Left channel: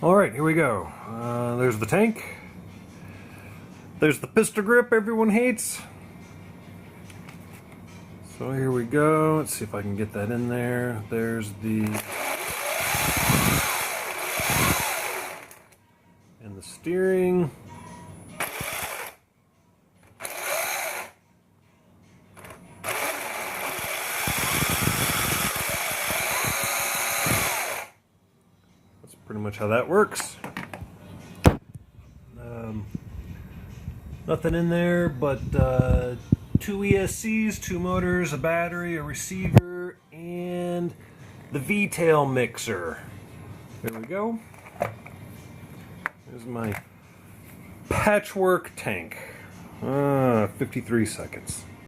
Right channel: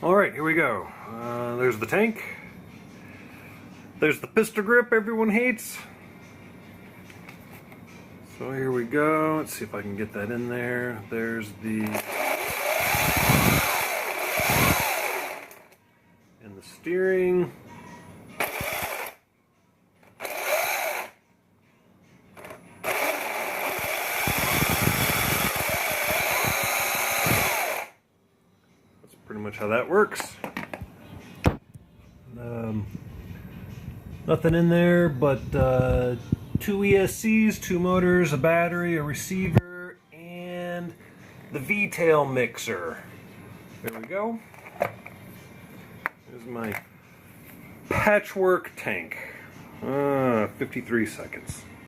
Alright, here we go. There's the tank. There's the pistol grip everyone hates. So here we go. Let's see if I can get that in there. There's the... and the steering. Pretty much how that works. Nothing in there but 2 ESCs, 2 motors, a battery, a receiver, and the V-tail mixer. There we go. There's my patchwork tank. 53 seconds.